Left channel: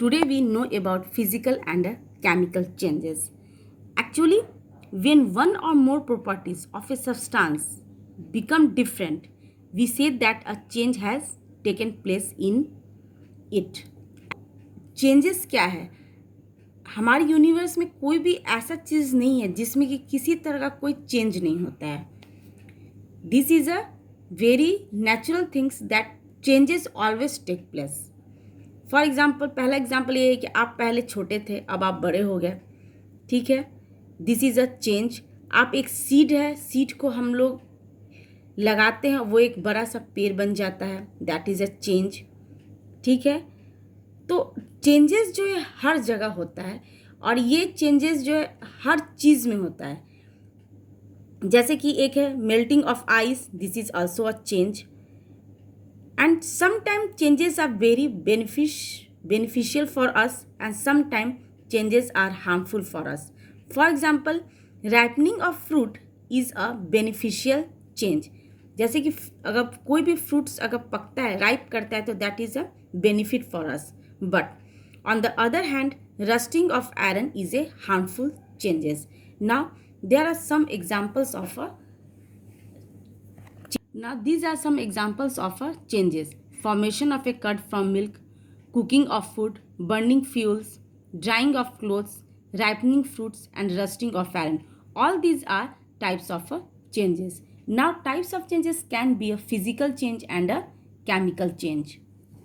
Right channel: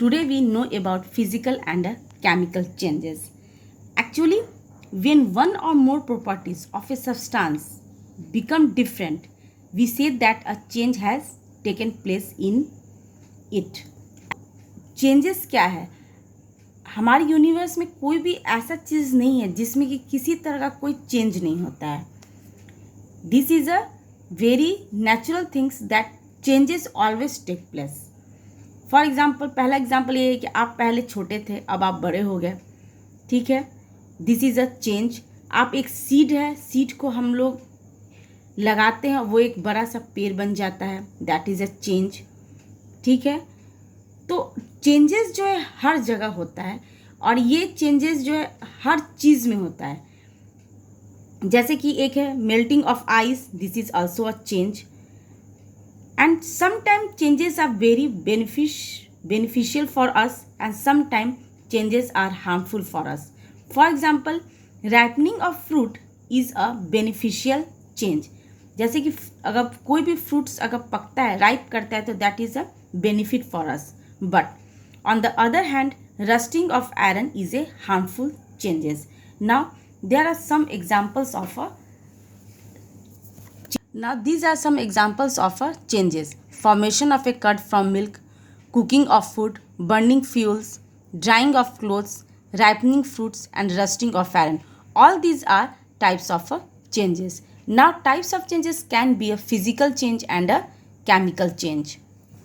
Today we know about physical and chemical changes. Actually, when one or more properties of a substance become different, we say that a change has taken place in it. Changes क्या है? हमारे universe में कोई भी ऐसा चीज़ नहीं है जिसमें कि किसी तरह का कोई चेंज नहीं होता है. This is a very natural things that changes always take place. For example, पहला एग्जाम्पल ये है कि आप पहले छोटे थे, अब आप बड़े हो गए. ठीक है, दिस इज अ चेंज. आप एक सीड है, सीड को हम लोग लगाते हैं, वो एक बड़ा सा पेड़ बन जाता है. That is a change. ठीक है, तो चेंजेस जो है हर जगह होता है और ये चेंजेस जो है हर चीज़ में होता है. जैसे कि एक है melting of ice, this is also a change. And sometimes changes are very beneficial for us and sometimes changes are harmful for us. For example, ripening of fruit is a beneficial change. जैसे कि अगर कोई भी fruits अगर पकता है, ripe करता है, तो that is a benefit for us. But on the other hand, rusting of iron is a harmful changes. Now there are some examples of a Now these are some examples of changes. Formation of a curd from milk, cooking of food, burning fuels, drying of clothes, ripening fruits and rusting of iron. All these are types of changes. Now types of changes can be a physical change and a chemical change.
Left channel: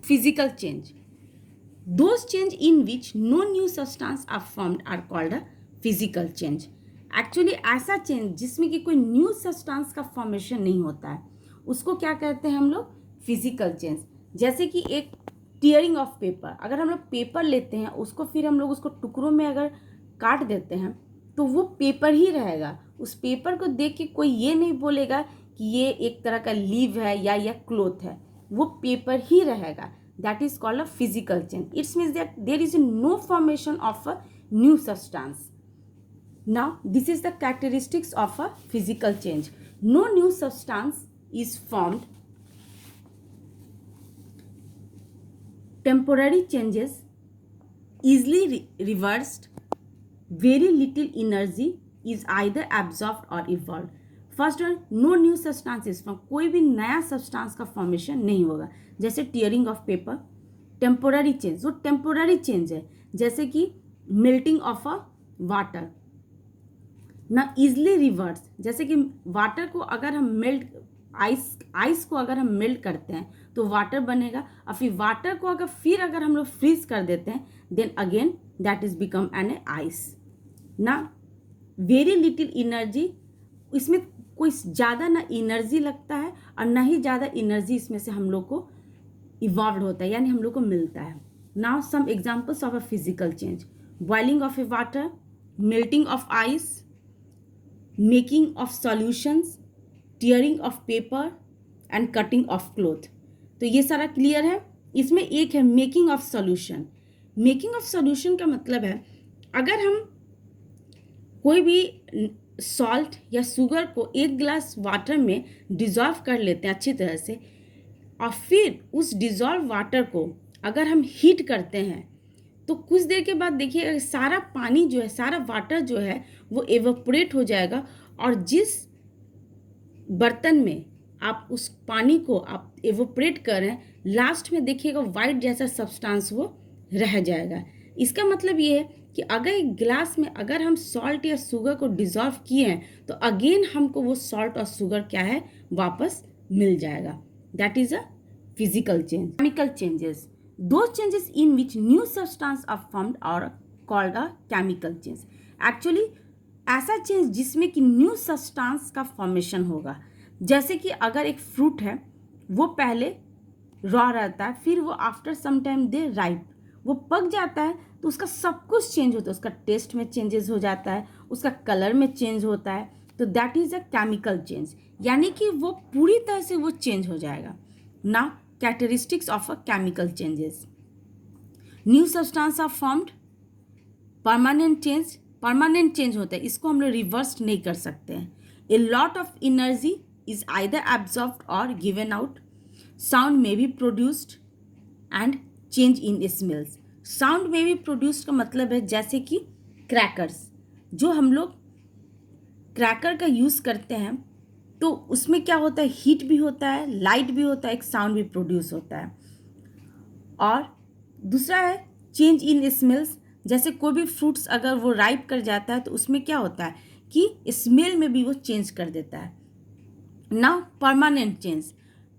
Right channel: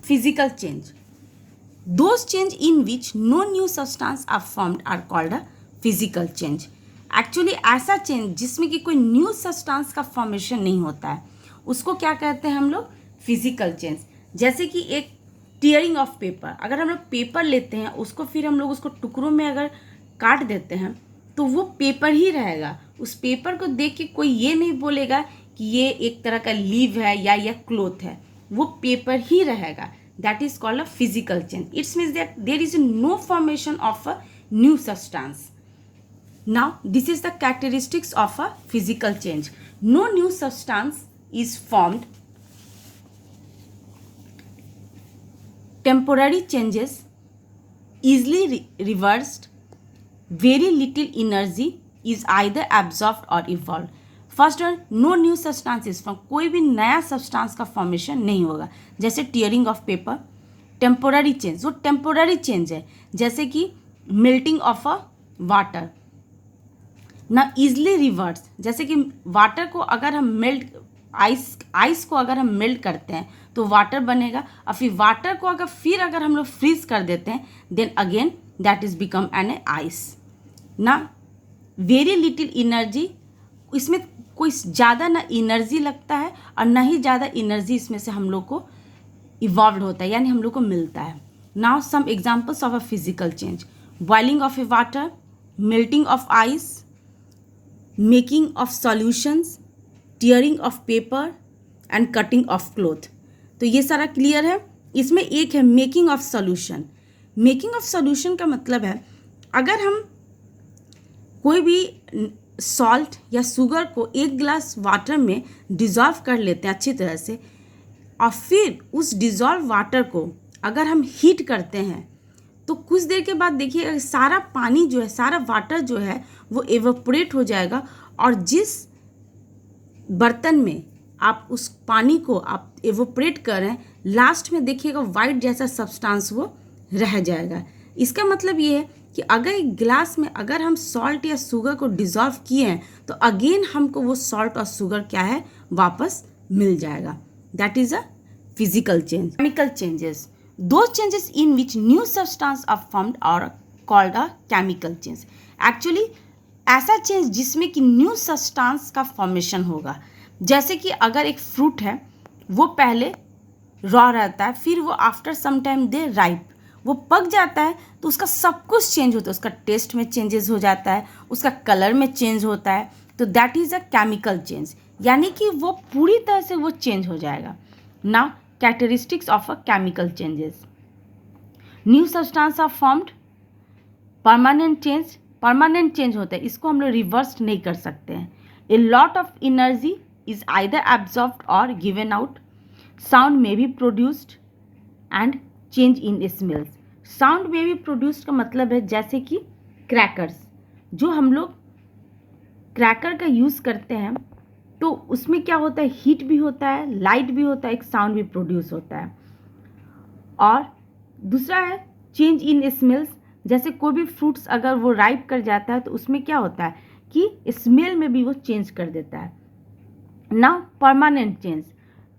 Physical change. Those change in which no new substance are formed are called a physical change. Actually ऐसा change जिसमें कि कोई new substance का formation नहीं होता है, उसको क्या कहते हैं हम लोग? Physical change. जैसे कि एक टीयरिंग ऑफ पेपर. अगर हम लोग पेपर लेते हैं, उसको फिर हम लोग उसको टुकड़ों में अगर काट देते हैं तो वो पेपर ही रहेगा. उस पेपर को देख के कोई ये नहीं बोलेगा कि ये एक तरह का लीव है या यह क्लोथ है. वो पेपर ही रहेगा. That is called a physical change. It's means that there is no formation of a new substance. Now, this is the characteristics of a physical change. No new substance is formed. Temporary changes, easily reversed. Very little energy is either absorbed or evolved. First one, no new substances from. कोई भी नया substance का formation नहीं होगा. जैसे tearing of paper. Temporary change, वो temporary change है. जैसे कि मेल्टिंग ऑफ अ वाटर. ना इजली रिवर्स, जैसे कि वाटर को अगर हम आइस को अगर हम मेल्ट करते हैं तो वाटर बनेगा, और फिर वाटर को अगर हम लोग फ्रीज कर देते हैं, then again that is become an ice. ना वेरी लिटिल एनर्जी, इसमें कोई ज़्यादा ना एनर्जी लगता है और ना ही ज़्यादा एनर्जी इसमें से हम लोग को इवॉल्व होता है, यानी हम लोग को मिलता है. Now some examples of a physical change. Boiling of a water, melting of ice, making of solutions, tearing of paper and cutting of cloth. तो ये सारा क्लियर है. इसमें एक है making of solution. Making of solution का मतलब है, अगर हम कोई भी सॉल्ट या शुगर को एक ग्लास वाटर में डिज़ोल्व कर लेते हैं अच्छी तरह से, और फिर उस डिज़ोल्व वाटर को अगर हम हीट करते हैं तो कुछ देर के बाद देखिए सारा पानी जो है, सारा वाटर जो है वो एवोपरेट हो जाएगा, और जिस बर्तन में आप उस पानी को आप एवोपरेट कर रहे हैं, लास्ट में देखिएगा वाइट जैसा सब्सटेंस वो रह जाएगा. इसका मतलब ये है कि अगर एक गिलास में अगर हम सॉल्ट या शुगर को डिज़ोल्व किए हैं तो अगेन हमको वो सॉल्ट और शुगर क्या है, वापस मिल जाएगा. That is a physical change. Chemical changes, those changes in which new substance are formed are called a chemical change. Actually ऐसा चेंज जिसमें कि न्यू सब्सटेंस का फॉर्मेशन होगा. जैसे कि अगर एक फ्रूट है, वो पहले रॉ रहता है, फिर वो आफ्टर सम टाइम दे राइप, वो पक जाता है, तो उसका सब कुछ चेंज होता है. उसका टेस्ट में चेंजेस हो जाता है, उसका कलर में चेंज होता है. तो that is a chemical change, यानी कि वो पूरी तरह से वो चेंज हो जाएगा. Now characteristics of a chemical changes. New substance are formed. Permanent change होता है, इसको हम लोग रिवर्स नहीं कर सकते हैं. A lot of energy is either absorbed or given out. Sound may be produced and change in smells. Sound में भी प्रोड्यूस्ड का मतलब है जैसे कि क्रैकर्स, जो हम लोग क्रैकर का यूज़ करते हैं तो उसमें क्या होता है, हीट भी होता है, लाइट भी होता है, एक साउंड भी प्रोड्यूस होता है। और दूसरा है चेंज इन स्मेल्स, जैसे कोई भी फ्रूट्स अगर वो राइप कर जाता है तो उसमें क्या होता है कि स्मेल में भी वो चेंज कर देता है ना। परमानेंट चेंज,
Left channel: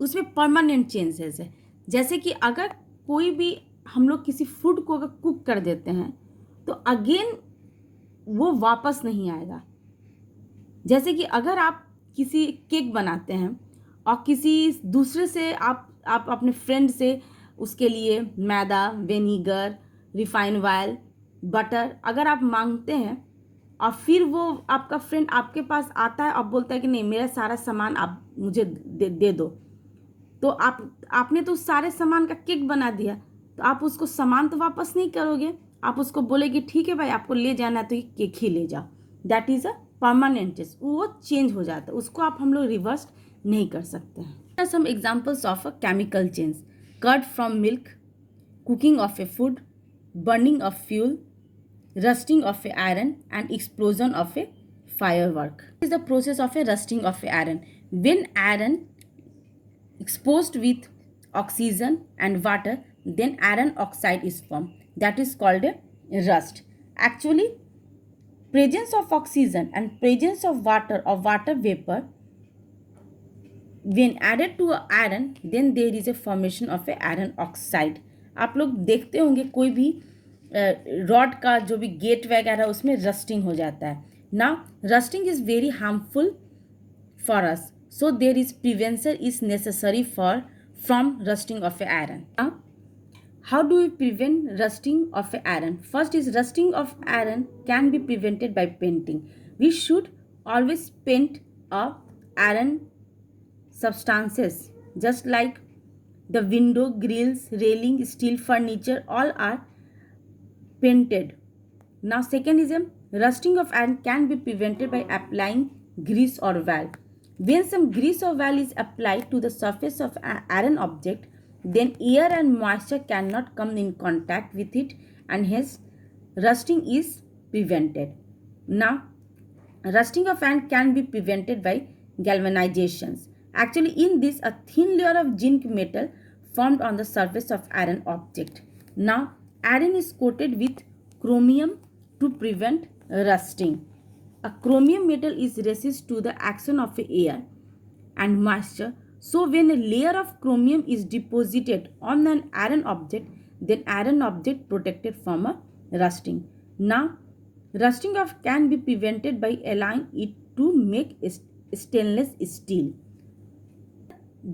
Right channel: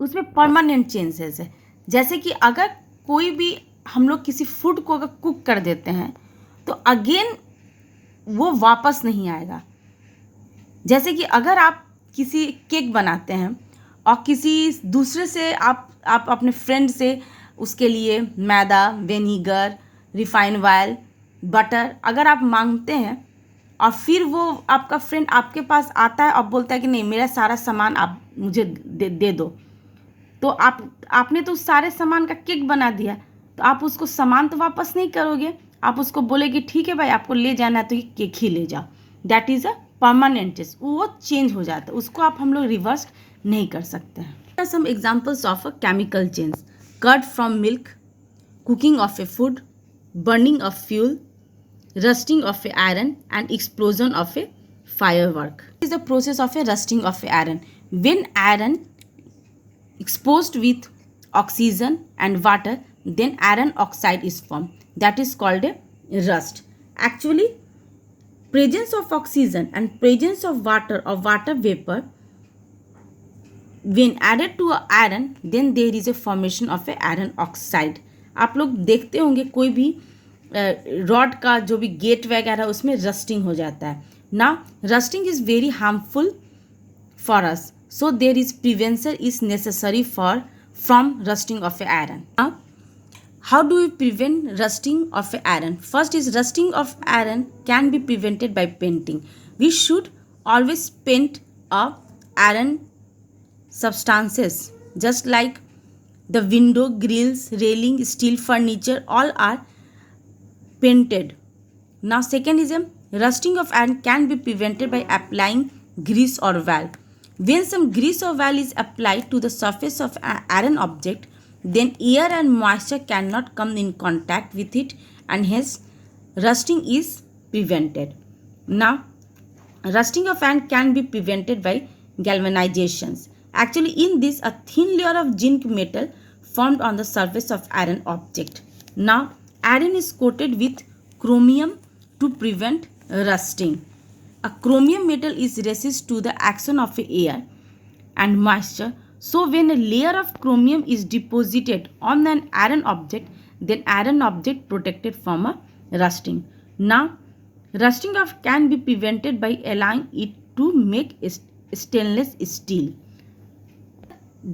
उसमें परमानेंट चेंजेस है, जैसे कि अगर कोई भी हम लोग किसी फूड को अगर कुक कर देते हैं तो अगेन वो वापस नहीं आएगा। जैसे कि अगर आप किसी केक बनाते हैं और किसी दूसरे से आप अपने फ्रेंड से उसके लिए मैदा, विनीगर, रिफाइंड ऑयल, बटर अगर आप मांगते हैं और फिर वो आपका फ्रेंड आपके पास आता है और बोलता है कि नहीं मेरा सारा सामान आप मुझे दे दो, तो आपने तो उस सारे सामान का केक बना दिया, तो आप उसको सामान तो वापस नहीं करोगे, आप उसको बोलेगे ठीक है भाई आपको ले जाना है तो ये केक ही ले जाओ। That is a permanent change, वो चेंज हो जाता है, उसको आप हम लोग रिवर्स नहीं कर सकते हैं। Some examples of a chemical change, curd from milk, cooking of a food, burning of fuel, rusting of a iron and explosion of a firework. This is the process of a rusting of a iron. When iron exposed with oxygen and water, then iron oxide is formed. That is called a rust. Actually, presence of oxygen and presence of water or water vapor, when added to a iron, then there is a formation of a iron oxide. आप लोग देखते होंगे कोई भी rod का जो भी gate वगैरह उसमें रस्टिंग हो जाता है ना। Rusting is very harmful for us, so there is prevention is necessary for from rusting of a iron. How do you prevent rusting of a iron? First is rusting of iron can be prevented by painting. We should always paint a iron substances just like the window grills, railing, steel furniture, all are painted. Now second is rusting of iron can be prevented by applying grease or valve. When some grease or valve is applied to the surface of an iron object, then air and moisture cannot come in contact with it and hence rusting is prevented. Now rusting of iron can be prevented by galvanizations. Actually, in this, a thin layer of zinc metal formed on the surface of iron object. Now, iron is coated with chromium to prevent rusting. A chromium metal is resistant to the action of air and moisture. So, when a layer of chromium is deposited on an iron object, then iron object protected from a rusting. Now, rusting of can be prevented by allowing it to make stainless steel.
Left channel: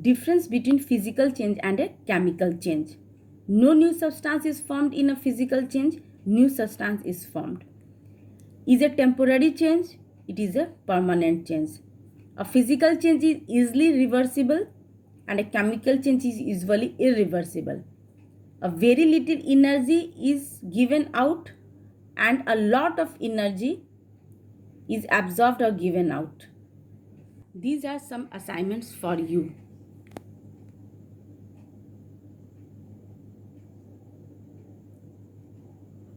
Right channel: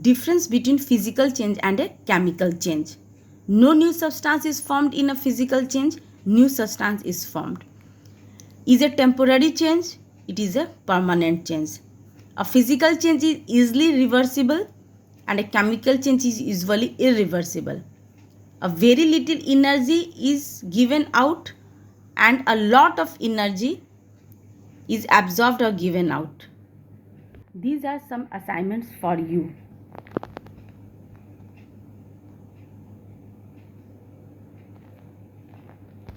Difference between physical change and a chemical change. No new substance is formed in a physical change, new substance is formed. Is a temporary change, it is a permanent change. A physical change is easily reversible and a chemical change is usually irreversible. A very little energy is given out and a lot of energy is absorbed or given out. These are some assignments for you.